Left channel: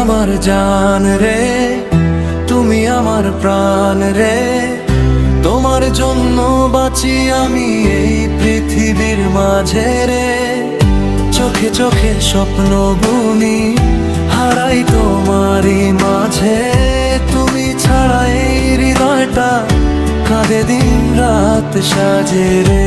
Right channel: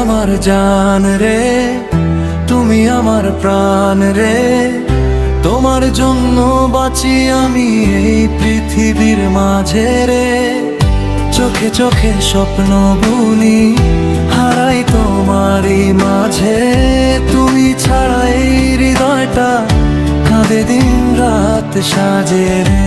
আমার জান রে, তুমি আমার প্রাণ রে। তোমার জন্য বাঁচি আমি এই পৃথিবীর মাঝে রে। চোখে চোখে স্বপ্ন বুনি, হারাই তোমারই মাঝে। তুমি ছাড়া এই হৃদয়টা কাঁদে দিন রাত সাজে রে।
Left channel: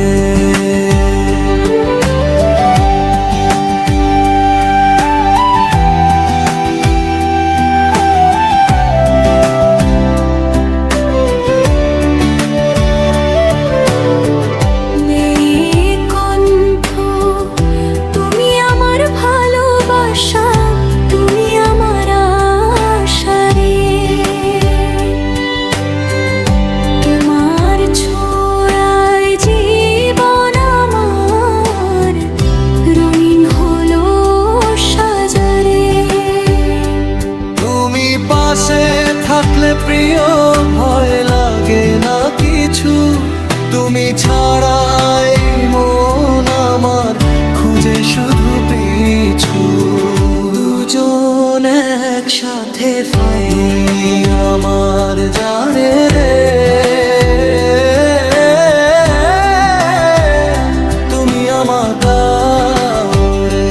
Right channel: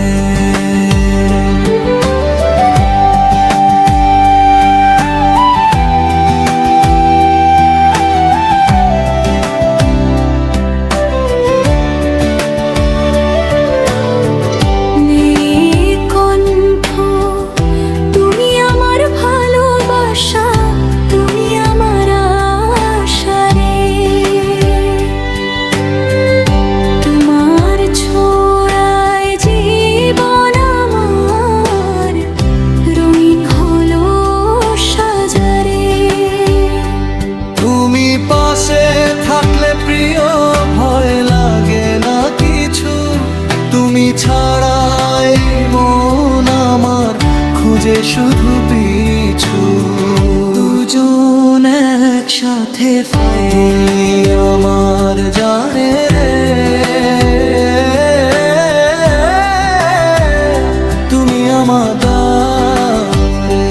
ছোঁয়ায় জীবন আমার রঙিন হলো সাজারে। তুমি পাশে থাকলে প্রিয় ভয় লাগে না কিছু। তুমি ছাড়াই মন আমার খুঁজে শুধু পিছু। দুজন একসাথে পাই আমার জানে রে। তুমি আমার দারে।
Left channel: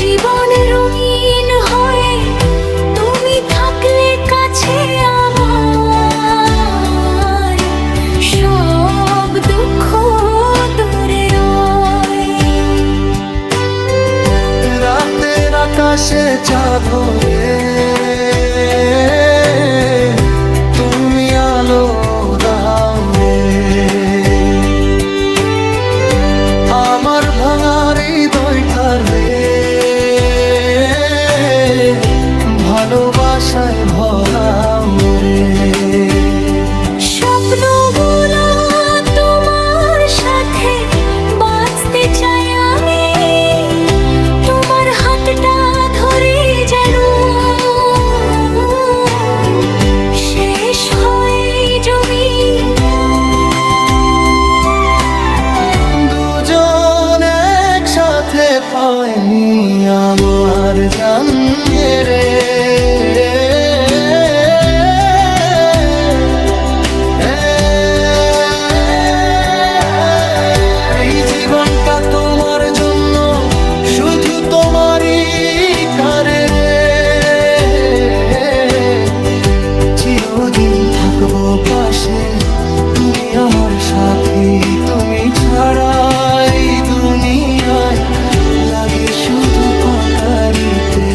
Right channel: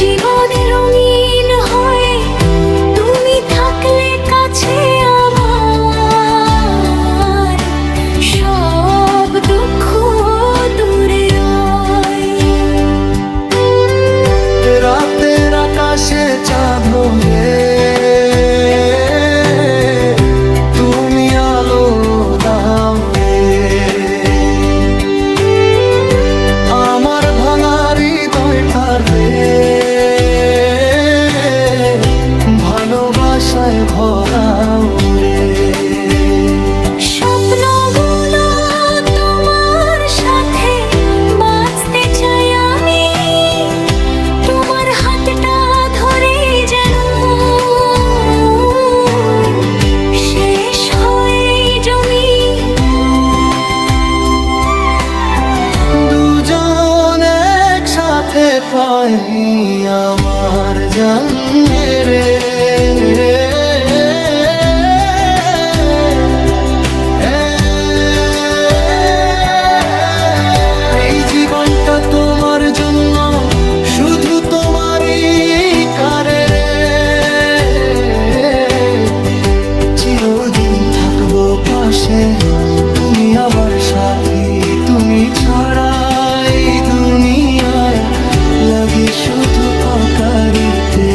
জীবন রঙিন হয় তুমি থাকলে কাছে আমার। সব দুঃখ দূরে রয়। রাতের আকাশে চাঁদ হয়ে তুমি আলো দাও রে। আমার ভাঙা হৃদয়টার রে ভালোবাসায় ভরাও রে। স্বপ্নগুলো তোমার সাথে বাঁচতে চাই আমি। তোমার হাতটা ধরে যেন শেষ হয় জমি। দুজন একসাথে পাই আমার জান রে। এই জীবনটা তোমার জন্য, শুধু তোমারই কারে রে। চিরদিন থাকবো পাশে, তুমি আমার সাথী। তুমি ছাড়া এই দুনিয়ায় লাগে শুধু ফাঁকারিতে।